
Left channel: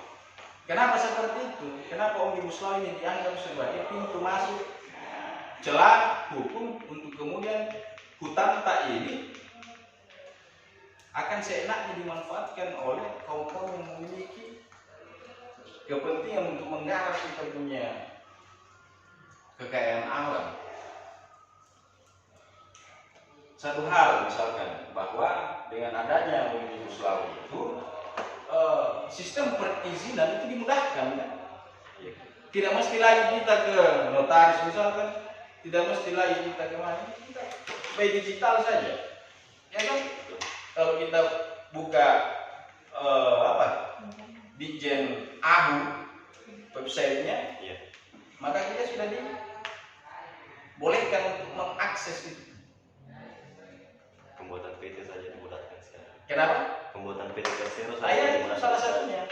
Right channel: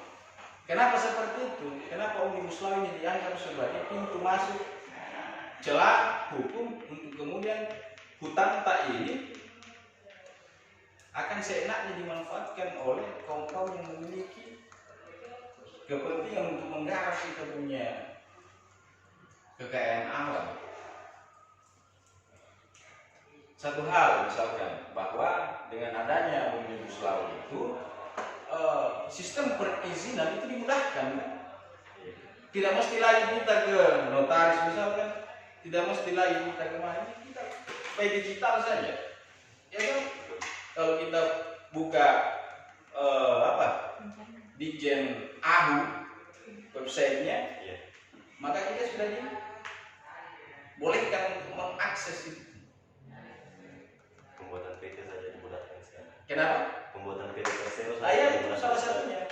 Kenapa seperti itu? Kenapa Omnibus Law ini dianggap sebagai pintu masuk celah hukum untuk kemudian hutan tak ini akan seenaknya dimanfaatkan oleh kaum-kaum yang memiliki kepentingan untuk menggarap kita punya kekayaan alam. Satu hal misalkan bahwa dengan adanya Omnibus Law itu sistem perizinan itu dimudahkan, kan? Tidak mesti lagi kita ke notaris misalkan, tidak mesti lagi kita ke mana, kita by digital saja, ya kan? Kalau kita buka Ditjen AHU websitenya, maka kita sudah dibolehkan untuk mengakses itu. Pembuatan PT saja dimudahkan sekarang. Kenapa? Pembuatan PT Persero Itu salah satunya.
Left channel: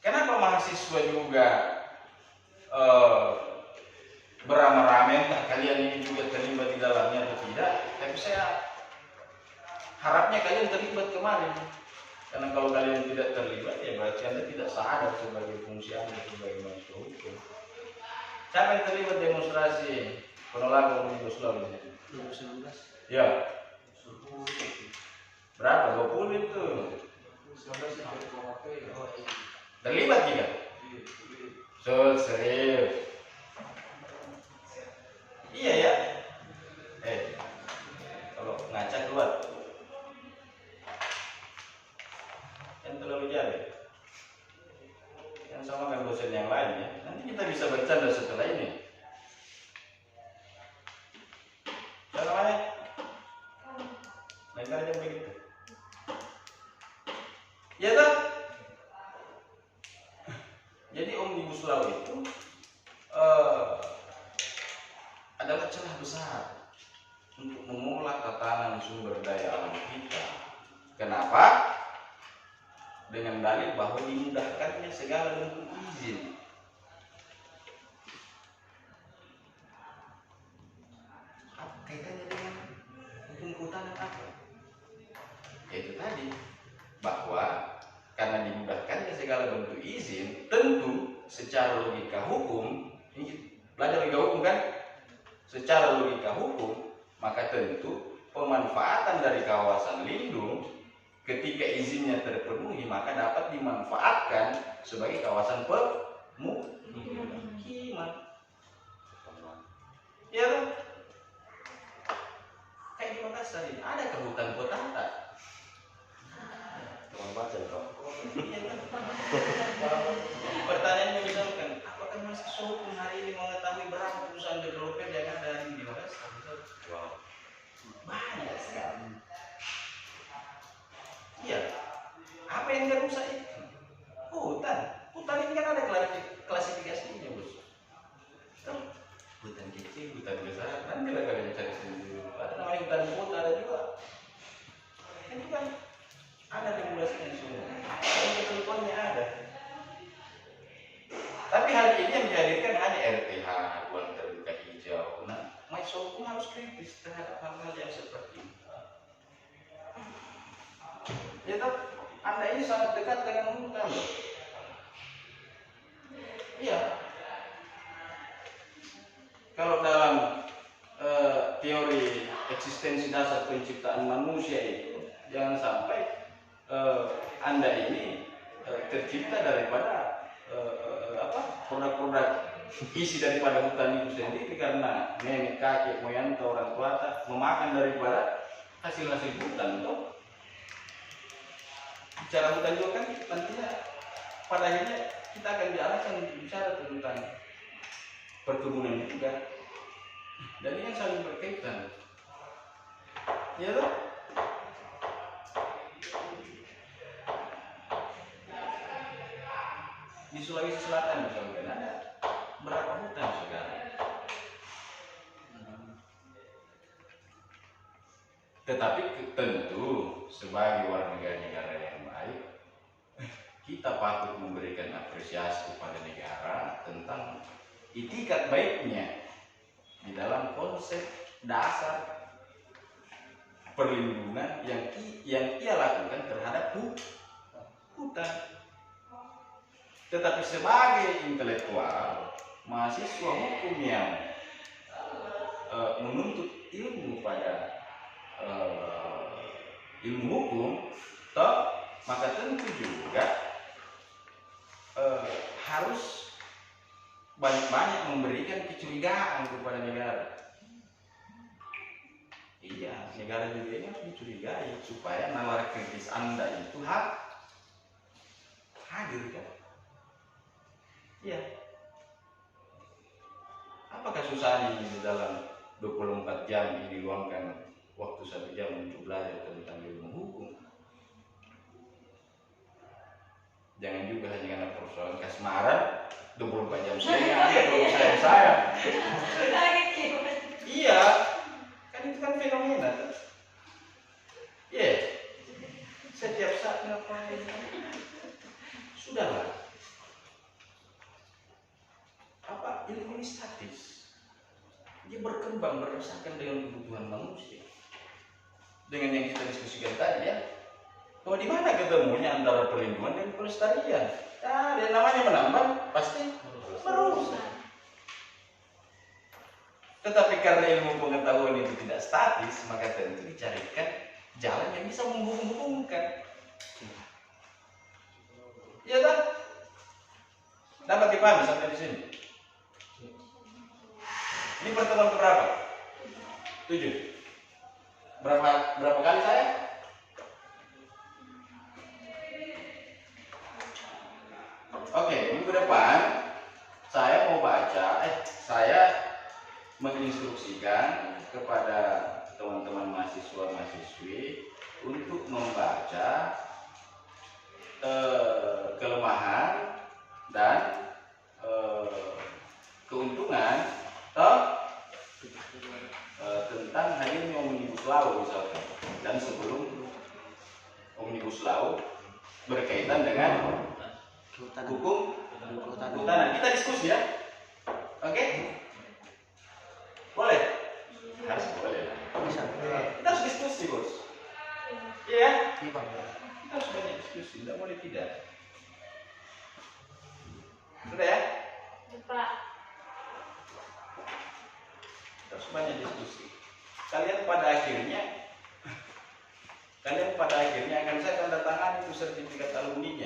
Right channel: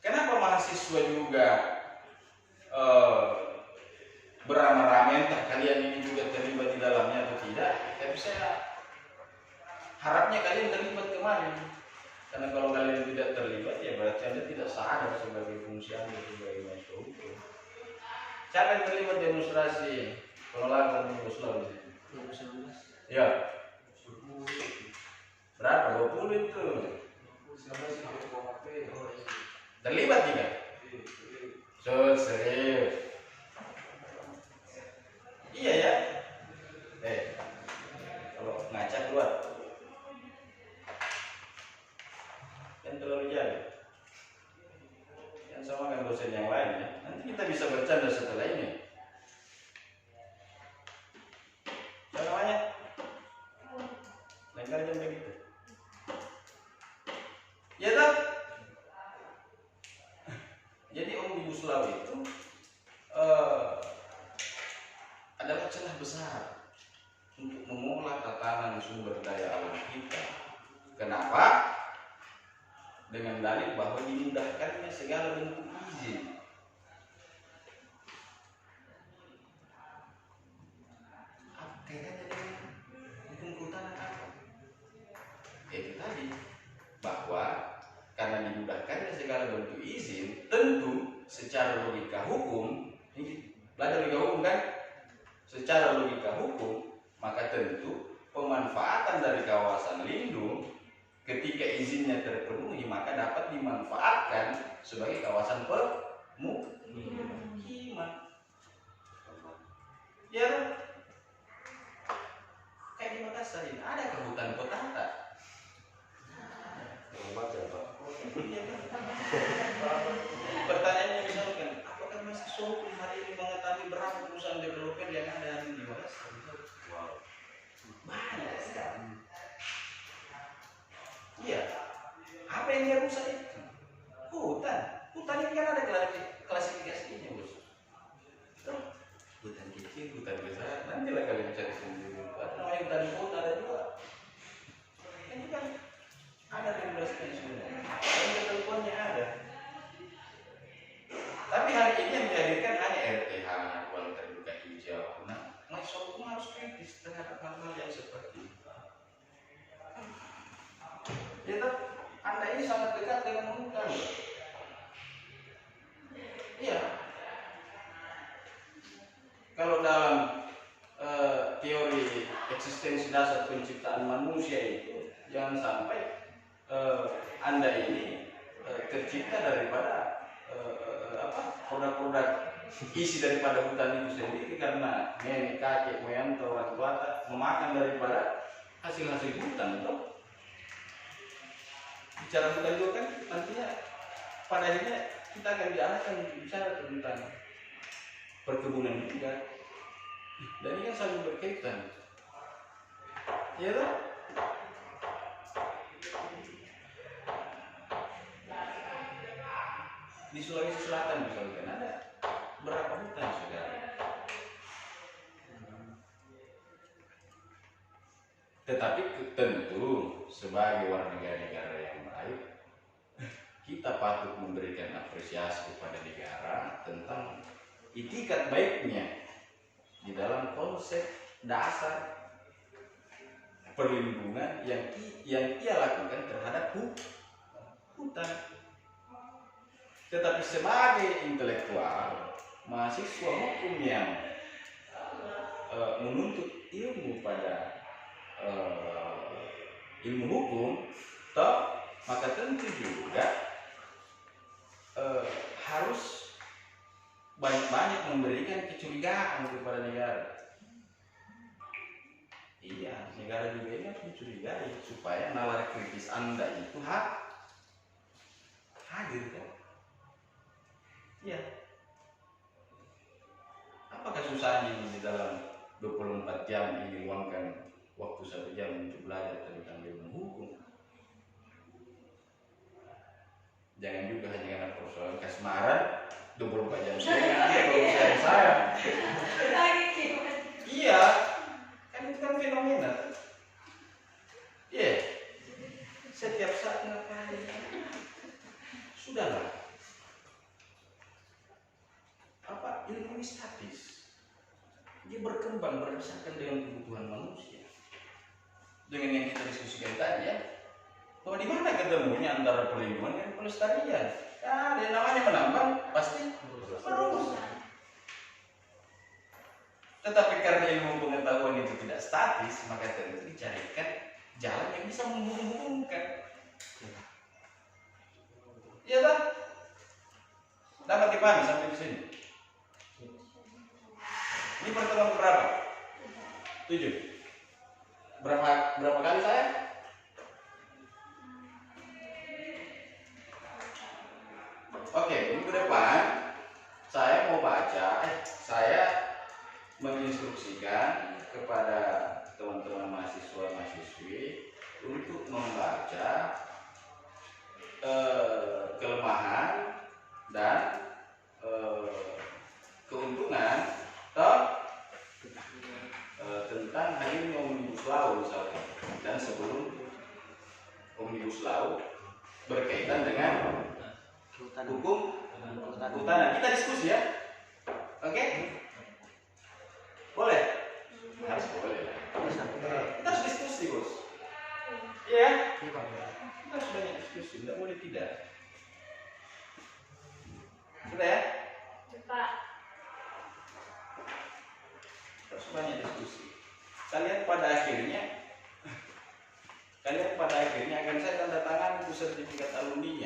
Kenapa mahasiswa juga beramai-ramai, entah kalian ini juga terlibat di dalamnya atau tidak? Tapi saya harapnya kalian terlibat kemarin. Karena kalau kalian tidak terlibat, ya berarti Anda tidak sadar sebagai fungsi Anda sebagai mahasiswa hukum. Siapa yang terlibat demonstrasi penolakan Omnibus Law ini? 2011. Ya. Berapa? 20 itu. Terlibat juga? Serius. Iya ya. Kalau ngaca keluar. Yang terlalu jauh. Yang sama kan dosen yang lain ya. Nanti kita bisa bercanda setelah ini. Apa namanya? Lain kali jam begitu. Ya kan? Jadi Omnibus Law itu adalah celah besar untuk mengolah tatanan sumber daya alam kita. Kenapa? Dengan dalil bahwa dimudahkannya segala bentuk izin. Apa kaitannya dengan hukum kehutanan apa? Itu tadi, bahwa karena dimudahkannya segala bentuk izin, tentu secara logika hukum, ini belajar logika hukum kan? Secara logika hukum, maka tentu pemanfaatan dari kawasan lindung ketika izinnya terpenuhi maka dapat dimanfaatkan sebagai kawasan pemukiman. Ya kan? Kayak di Makassar ini ada hutan kota tak? Pertanyaannya misalkan, apakah mahasiswa hukum hari ini mengetahui berapa perusahaan developer yang ada di Makassar? Wow. Banyak sekali. Iya. Apa yang dia rusak itu? Hutan. Hutan ini kan ada klasifikasinya, bos. Hutan kecil, hutan besar. Nanti lah kalian cari sendiri. Ada namanya hutan kota, ada juga. Itu kan ada regulasinya semua. Kalau teleponnya ada. Tapi hari ini yang dihadirkan hanya RTH, ruang terbuka hijau. Nah, mahasiswa hukum harus kritis terhadap hal-hal yang seperti itu. Ya toh, Anda ini sangat dekat dengan hutan. Iya. Kalau dalam teori eksistensi dasar penciptaan manusia itu, jangan sampai Anda ini tercipta daripada produk-produk isi daripada hutan itu sendiri karena nenek, kakek, moyang, orang tua memakan daripada hasil-hasil hutan toh. Bicara hutan juga kan nantinya pada akhirnya kita akan diarahkan untuk bicara tentang perkebunan juga, dan ini kan saling berkaitan, ya toh? Di Sulawesi Selatan misalkan ada berapa hutan sekarang. Tetapi tentu sebagai warga negara yang baik, kita patut memberikan apresiasi kepada negara tentang itikat baiknya di dalam konsep dasar perlindungan yang ia lakukan terhadap hutan. Tetapi sebagai intelektual, mahasiswa hukum yang menuntut ilmu pada ilmu hukum, maka tentu juga harus banyak-banyak memberikan kecurigaan kepada negara. Iya, negara juga ini harus dicurigai supaya nalar kritis Anda itu hadir kan? Iya. Apakah susahnya di dalam 24 jam ini luangkan waktu 1 jam untuk belajar tentang ilmu hukum? Jangan juga hanya karena persoalan kasmaran 24 jam saya. Iya, kan itu kan fenomena. Iya, setiap saat ngapain? Sudahlah. Apa ilmu ini statis? Dia berkembang berdasarkan dengan kebutuhan manusia. Dengan yang kita diskusikan tadi ya, bahwa di mana ketemunya antara perlindungan dan pelestarian? Ya, dan namanya menambang pasti merusak. Tetapi karena ilmu pengetahuan itu tidak statis, maka tentu dicarikan jalan yang bisa menghubung-hubungkan. Iya kan? Dapat dipahami sampai di sini. Ini pertemuan berapa? 7. Berapa kali saya? Oke, minggu depan saya mau saya menginstruksikan kepada teman-teman mahasiswa-mahasiswi untuk membaca kelemahan dan keuntungan tentang hadirnya Omnibus Law misalkan, dan sebelum Omnibus Law berkaitan dengan hukum kehutanan. Kita diskusi ya, oke? Boleh? Harus boleh lah. Kita harus diskusi bos. Iya? Kita harus banyak diskusi, tidak boleh tidak. Sudah ya? Pak. Harus banyak diskusi. Kalian pada akhirnya akan saya tanda tangan itu sertifikat alumninya.